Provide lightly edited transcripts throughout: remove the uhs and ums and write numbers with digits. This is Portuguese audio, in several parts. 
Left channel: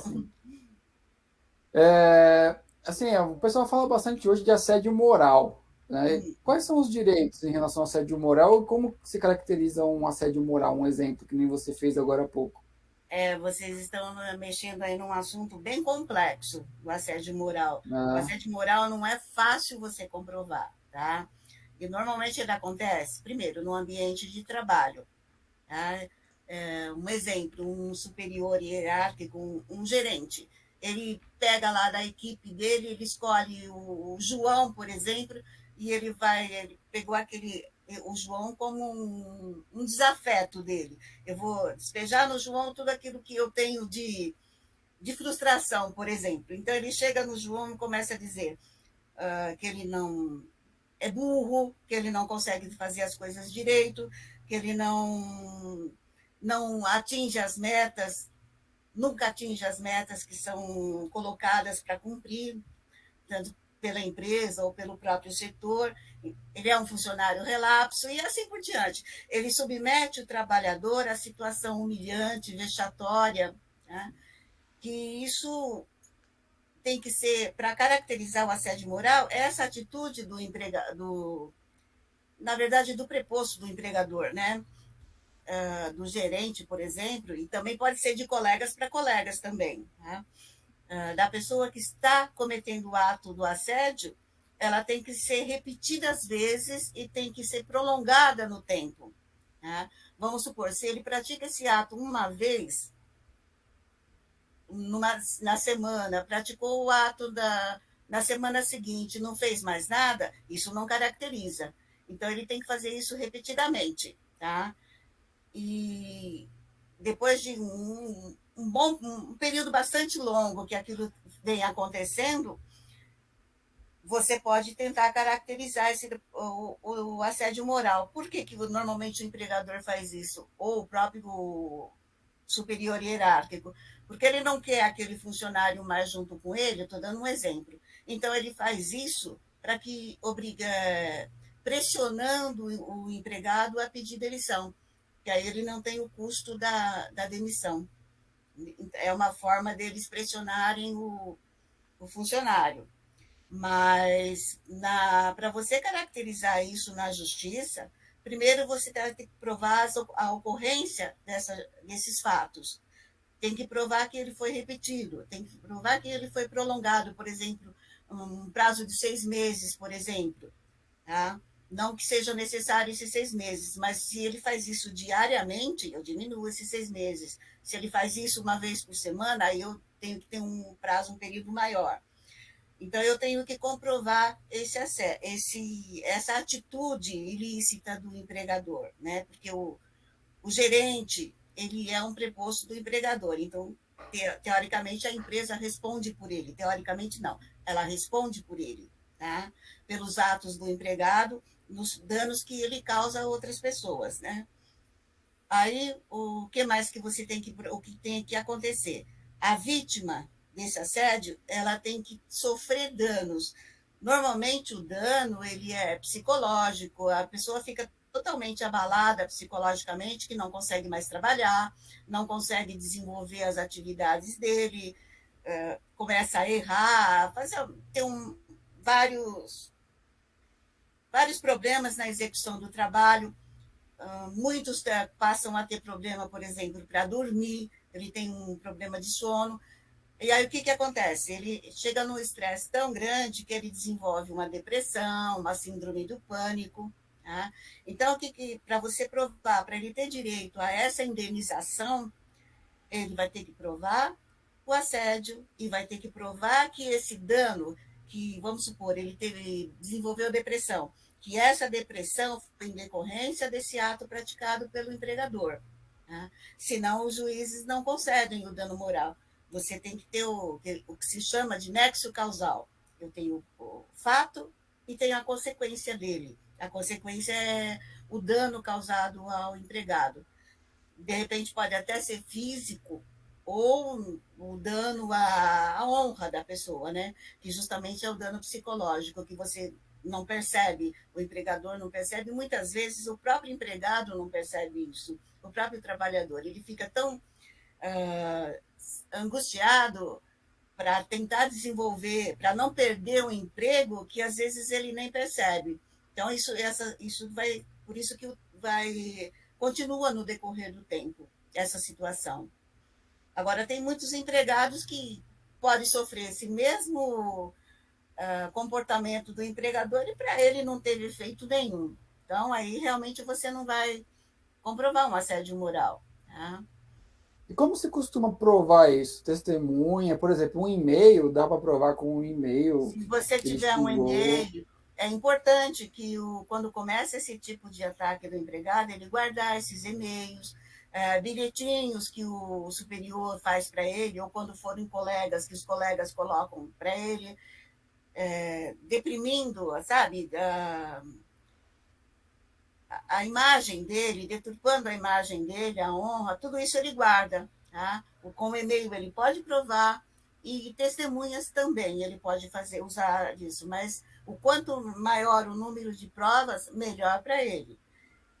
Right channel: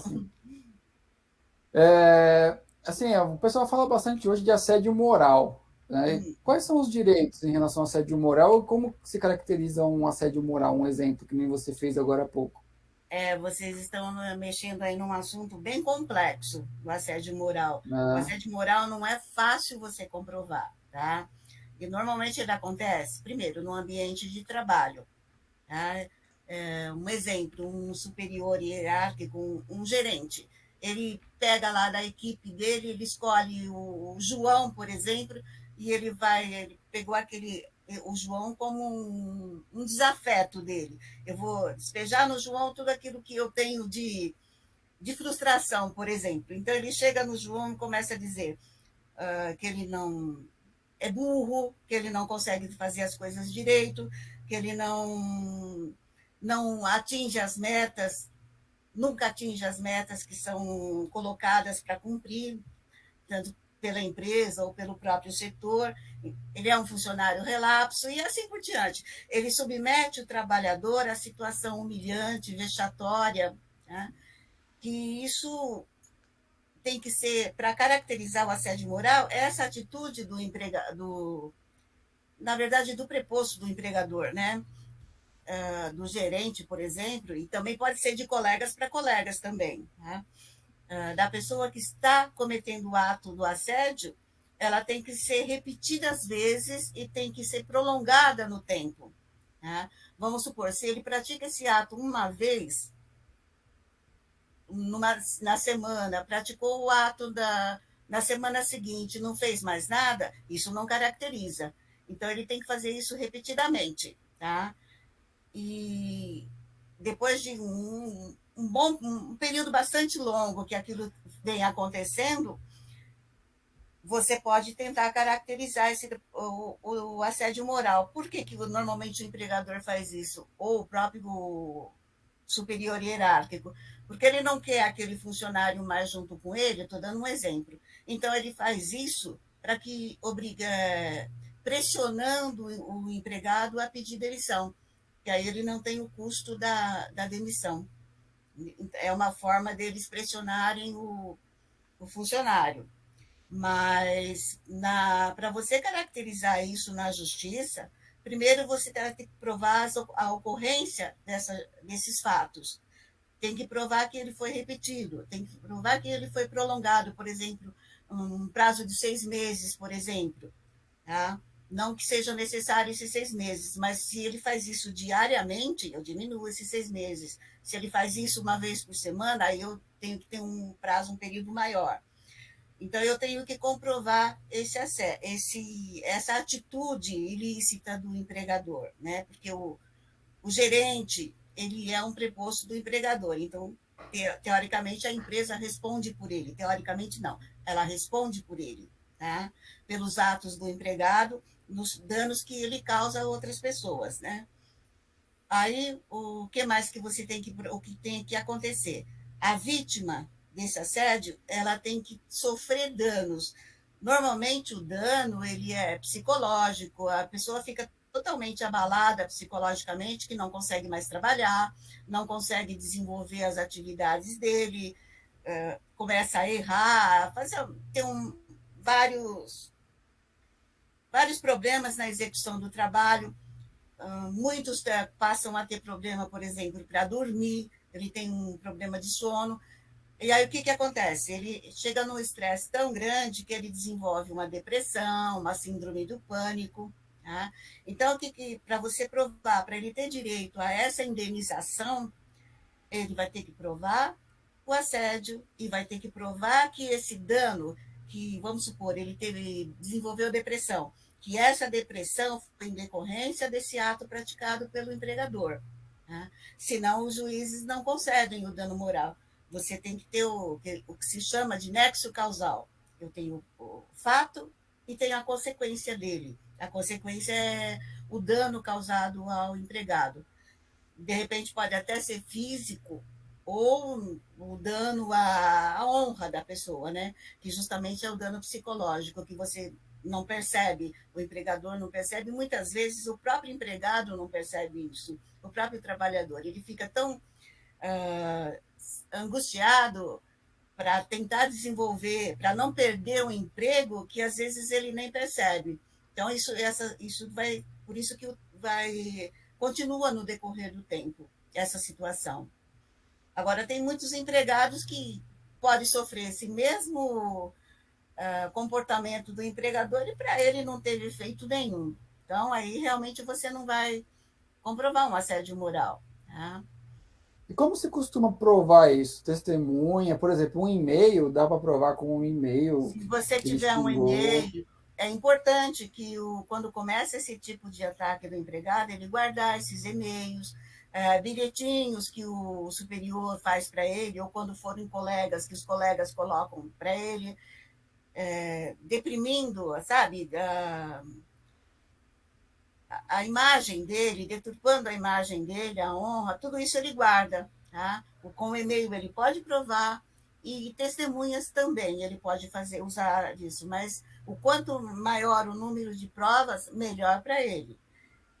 Tipo bom. assim, assim, o pessoal fala bastante hoje de assédio moral, né? Hum. Quais são os direitos em relação ao assédio moral e como se caracteriza um assédio moral? Um exemplo que nem você fez agora há pouco. Vocês estão mexendo aí num assunto bem complexo, o assédio moral. O Né? assédio moral não é fácil você comprovar, tá? E normalmente ele acontece, primeiro, no ambiente de trabalho. Tá? Um exemplo, um superior hierárquico, um gerente, ele pega lá da equipe dele, ele escolhe o João, por exemplo, e ele pegou o João como um desafeto dele. Eu vou despejar no João tudo aquilo que eu tenho de frustração, por exemplo. Então ele chega no João e começa a dizer que ele não é burro, que ele não consegue fazer as coisas direito, que ele não atinge as metas, nunca atinge as metas que são colocadas para cumprir, tanto pela empresa ou pelo próprio setor. Ele é um funcionário relapso e assim por diante. Ele submete o trabalhador à situação humilhante, vexatória, né? Que isso tem que ser, para caracterizar o assédio moral, essa atitude do empregador, na verdade, do preposto do empregador, né? Do gerente, por exemplo, e também pode ser de colegas para colegas também, né? Da pessoa que está cometendo o ato do assédio, ela tem que ser repetida às vezes e tem que ser prolongada no tempo. Né? Vamos supor, se ele pratica esse ato uma vez na semana, praticou o ato na semana seguinte, não fez mais nada, isso não caracteriza. Então, ele tem que fazer isso repetidamente, tá? E depois de um período bastante longo que aquilo vem acontecendo, você pode tentar caracterizar o assédio moral. Por que, que normalmente o empregador faz isso? Ou o próprio superior hierárquico? Porque ele não quer aquele funcionário mais junto com ele, estou dando um exemplo. Então, ele faz isso para que obriga, pressionando o empregado a pedir demissão, que aí ele não tem o custo da demissão. É uma forma deles pressionarem o funcionário. Mas para você caracterizar isso na justiça, primeiro você tem que provar a ocorrência desses fatos. Tem que provar que ele foi repetido, tem que provar que ele foi prolongado, por exemplo, um prazo de 6 meses, por exemplo. Tá? Não que seja necessário esses 6 meses, mas se ele faz isso diariamente, eu diminuo esses 6 meses. Se ele faz isso uma vez por semana, aí eu tenho que ter um prazo, um período maior. Então, eu tenho que comprovar essa atitude ilícita do empregador, né? Porque o gerente, ele é um preposto do empregador. Então, teoricamente, a empresa responde por ele. Teoricamente, não. Ela responde por ele, tá? Pelos atos do empregado, nos danos que ele causa a outras pessoas, né? Aí, o que mais que o que tem que acontecer? A vítima desse assédio, ela tem que sofrer danos. Normalmente, o dano, ele é psicológico, a pessoa fica totalmente abalada psicologicamente, que não consegue mais trabalhar, não consegue desenvolver as atividades dele, começa a errar, ter vários problemas na execução do trabalho. Muitos passam a ter problema, por exemplo, para dormir, ele tem um problema de sono. E aí o que acontece? Ele chega num estresse tão grande que ele desenvolve uma depressão, uma síndrome do pânico. Tá? Então, para você provar, para ele ter direito a essa indenização, ele vai ter que provar o assédio e vai ter que provar que esse dano, que vamos supor, desenvolveu depressão, que essa depressão foi em decorrência desse ato praticado pelo empregador. Tá? Senão, os juízes não concedem o dano moral. Você tem que ter o que se chama de nexo causal. Eu tenho o fato e tenho a consequência dele. A consequência é o dano causado ao empregado. De repente pode até ser físico ou o dano à honra da pessoa, né? Que justamente é o dano psicológico, que você não percebe, o empregador não percebe, muitas vezes o próprio empregado não percebe isso, o próprio trabalhador, ele fica tão angustiado para tentar desenvolver, para não perder o emprego, que às vezes ele nem percebe. Então, isso vai, por isso que vai, continua no decorrer do tempo, essa situação. Agora, tem muitos empregados que podem sofrer esse mesmo comportamento do empregador e para ele não teve efeito nenhum. Então, aí realmente você não vai comprovar um assédio moral. Tá? E como se costuma provar isso? Testemunha, por exemplo, um e-mail, dá para provar com um e-mail Se você que ele tiver um xingou. e-mail, é importante que quando começa esse tipo de ataque do empregado, ele guardar esses e-mails, bilhetinhos que o superior faz para ele, ou quando forem colegas, que os colegas colocam para ele, deprimindo, sabe, a imagem dele, deturpando a imagem dele, a honra, tudo isso ele guarda. Tá? Com o e-mail ele pode provar e testemunhas também ele pode fazer usar disso, mas o quanto maior o número de provas, melhor para ele.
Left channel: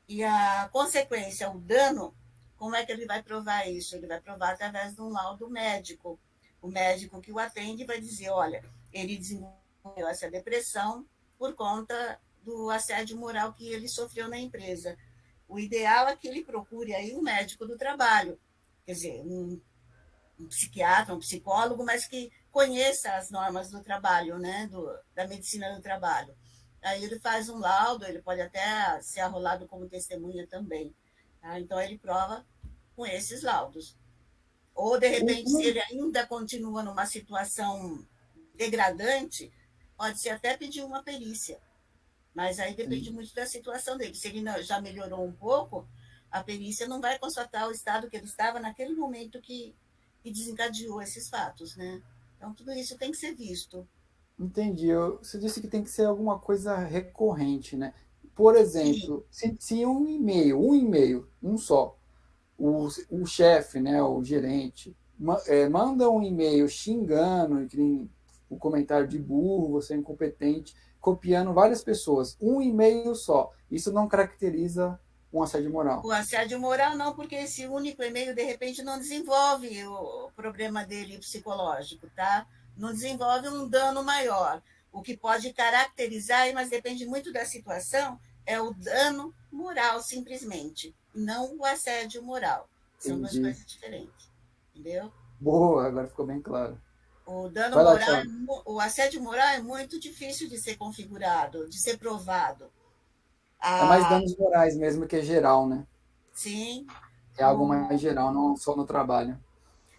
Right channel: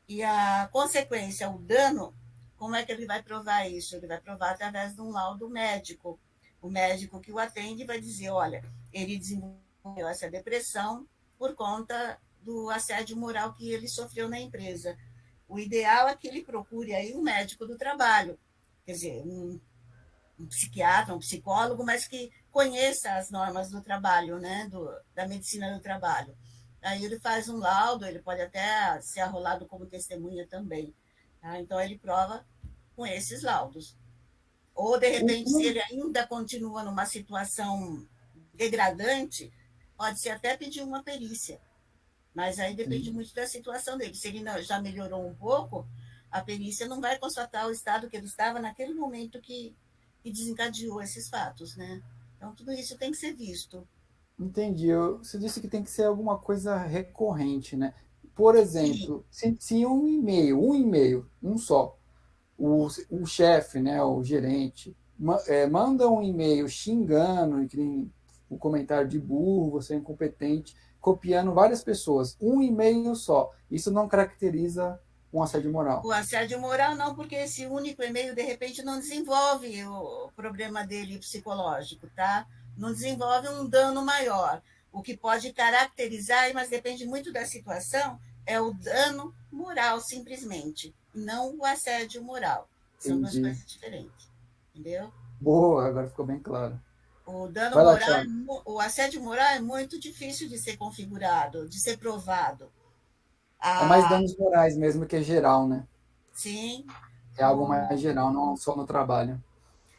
E a consequência, o dano, como é que ele vai provar isso? Ele vai provar através de um laudo médico. O médico que o atende vai dizer, olha, ele desenvolveu essa depressão por conta do assédio moral que ele sofreu na empresa. O ideal é que ele procure aí um médico do trabalho, quer dizer, um psiquiatra, um psicólogo, mas que conheça as normas do trabalho, né, da medicina do trabalho. Aí ele faz um laudo, ele pode até ser arrolado como testemunha também. Tá? Então ele prova com esses laudos. Ou, de repente, se ele ainda continua numa situação degradante, pode-se até pedir uma perícia. Mas aí depende muito da situação dele. Se ele já melhorou um pouco, a perícia não vai constatar o estado que ele estava naquele momento que desencadeou esses fatos, né? Então, tudo isso tem que ser visto. Entendi. Você disse que tem que ser alguma coisa recorrente, né? Por Sim, exemplo, se um e-mail, um só, o chefe, né, o gerente, manda um e-mail xingando, que nem o comentário de burro, você é incompetente, copiando várias pessoas, um e-mail só. Isso não caracteriza um assédio moral. o assédio moral não, porque esse único e-mail, de repente, não desenvolve o problema dele psicológico, tá? Não desenvolve um dano maior. O que pode caracterizar, mas depende muito da situação, é o dano moral, simplesmente, não o assédio moral. São duas Entendi. coisas diferentes, entendeu? Boa, agora ficou bem claro. O dano Vai lá, moral, Thiago. o assédio moral é muito difícil de ser configurado, de ser provado. É mais Ah, danos morais mesmo que é geral, né? sim, É algo mais geral, não só no trabalho.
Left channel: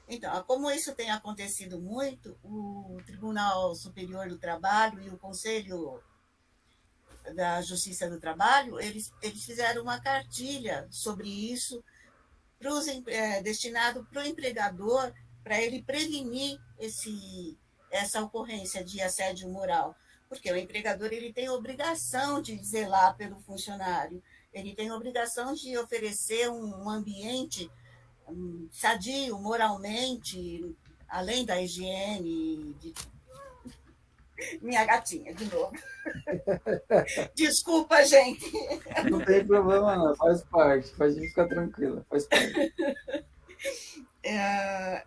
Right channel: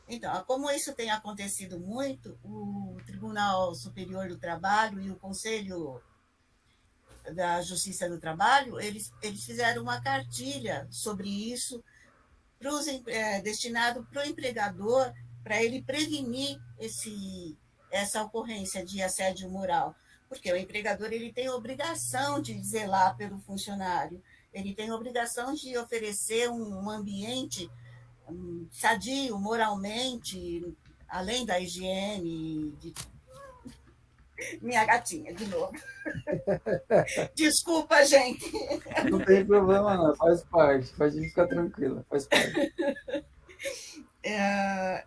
então, como isso tem acontecido muito, o Tribunal Superior do Trabalho e o Conselho da Justiça do Trabalho, eles fizeram uma cartilha sobre isso destinado para o empregador, para ele prevenir essa ocorrência de assédio moral. Porque o empregador ele tem obrigação de zelar pelo funcionário, ele tem obrigação de oferecer um ambiente sadio moralmente, além da higiene, minha gatinha, de novo. Desculpa, gente. Não tem problema não, faz parte. Pode ficar tranquila, faz parte. É,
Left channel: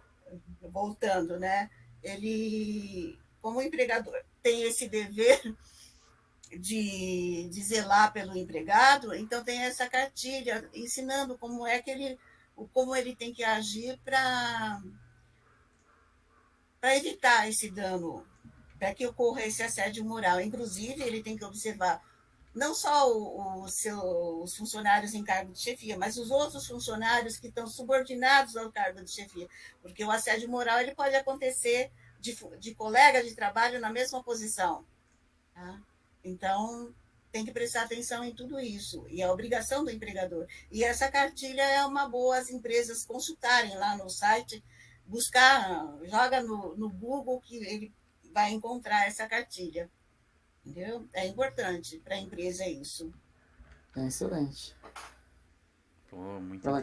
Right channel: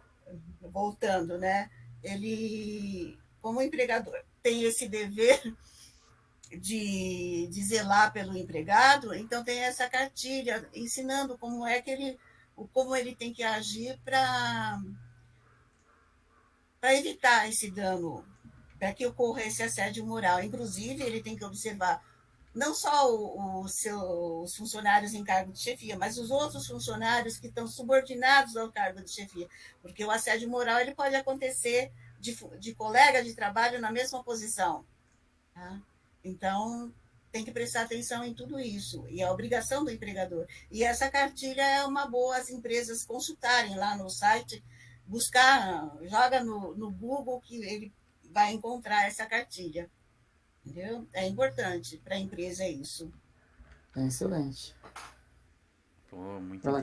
voltando, né? Ele, como empregador, tem esse dever de zelar pelo empregado, então tem essa cartilha ensinando como ele tem que agir para evitar esse dano, para que ocorra esse assédio moral. Inclusive, ele tem que observar não só os funcionários em cargo de chefia, mas os outros funcionários que estão subordinados ao cargo de chefia, porque o assédio moral ele pode acontecer de colega de trabalho na mesma posição. Tá? Então, tem que prestar atenção em tudo isso, e é a obrigação do empregador. E essa cartilha é uma boa as empresas consultarem lá no site, buscar, joga no Google que ele vai encontrar essa cartilha. Entendeu? É importante para a empresa isso. É excelente. Pô, muito Vai lá,